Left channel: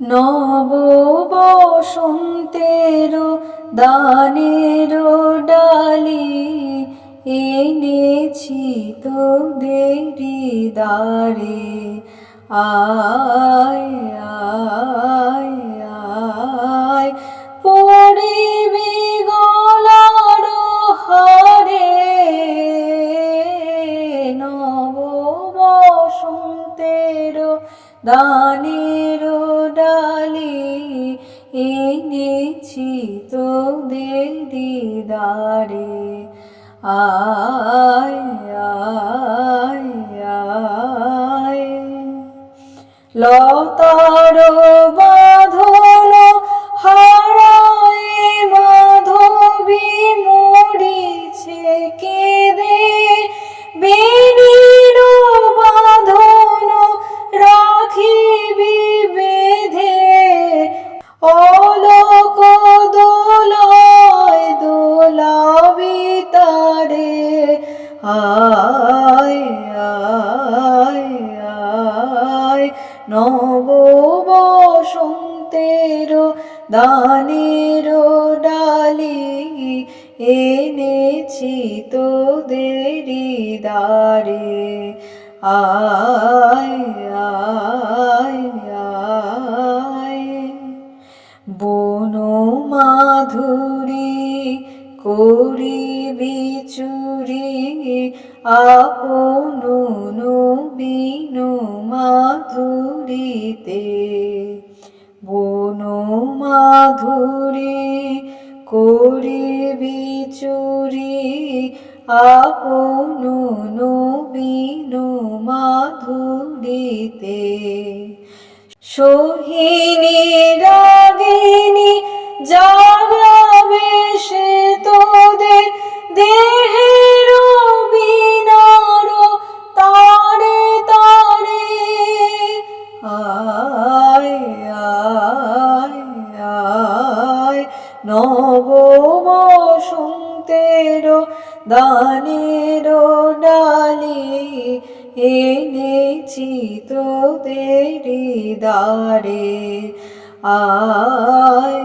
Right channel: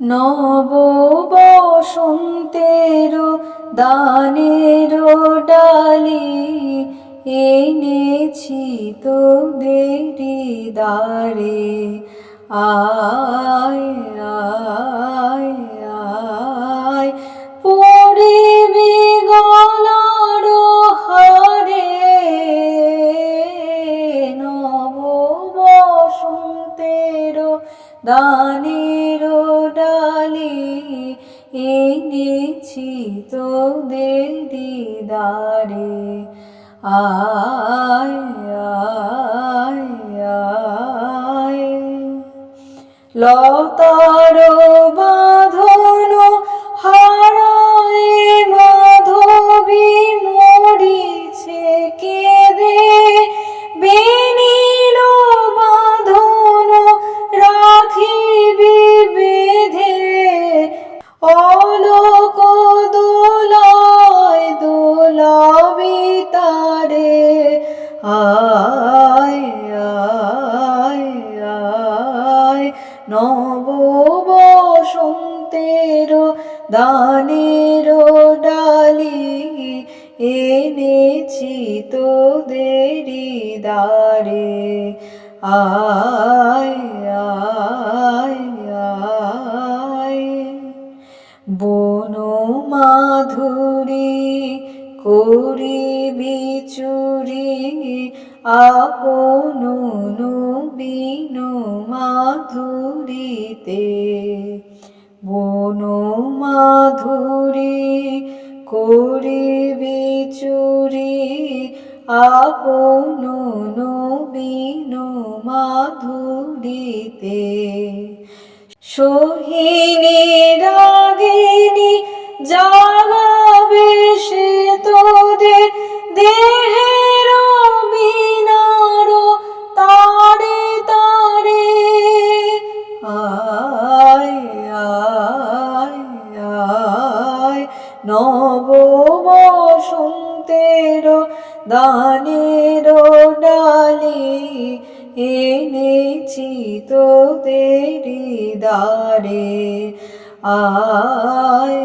নব বসন্তের দানের ডালি এনেছি তোদেরি দ্বারে। আয় আয় আয় পড়িবি গলার হারে, নব বসন্তের দানের ডালি এনেছি তোদেরি দ্বারে। আয় আয় আয় লতার বাঁধন হারায় মাধবী মরিছে কেঁদে, বেনির বাঁধন রাখিবি বেঁধে, অলোক দোলায় দোলাবি তারে। আয় আয় আয় নব বসন্তের দানের ডালি এনেছি তোদেরি দ্বারে। আয় আয় আয় বন মাধুরী করিবি চুরি, আপন নবীন মাধুরীতে। বন মাধুরী করিবি চুরি, আপন নবীন মাধুরীতে। সোহিনী রাগিনী জাগাবে সে তোদের দেহের বিনার তারে তারে। আয় আয় আয় নব বসন্তের দানের ডালি এনেছি তোদেরি দ্বারে। আয়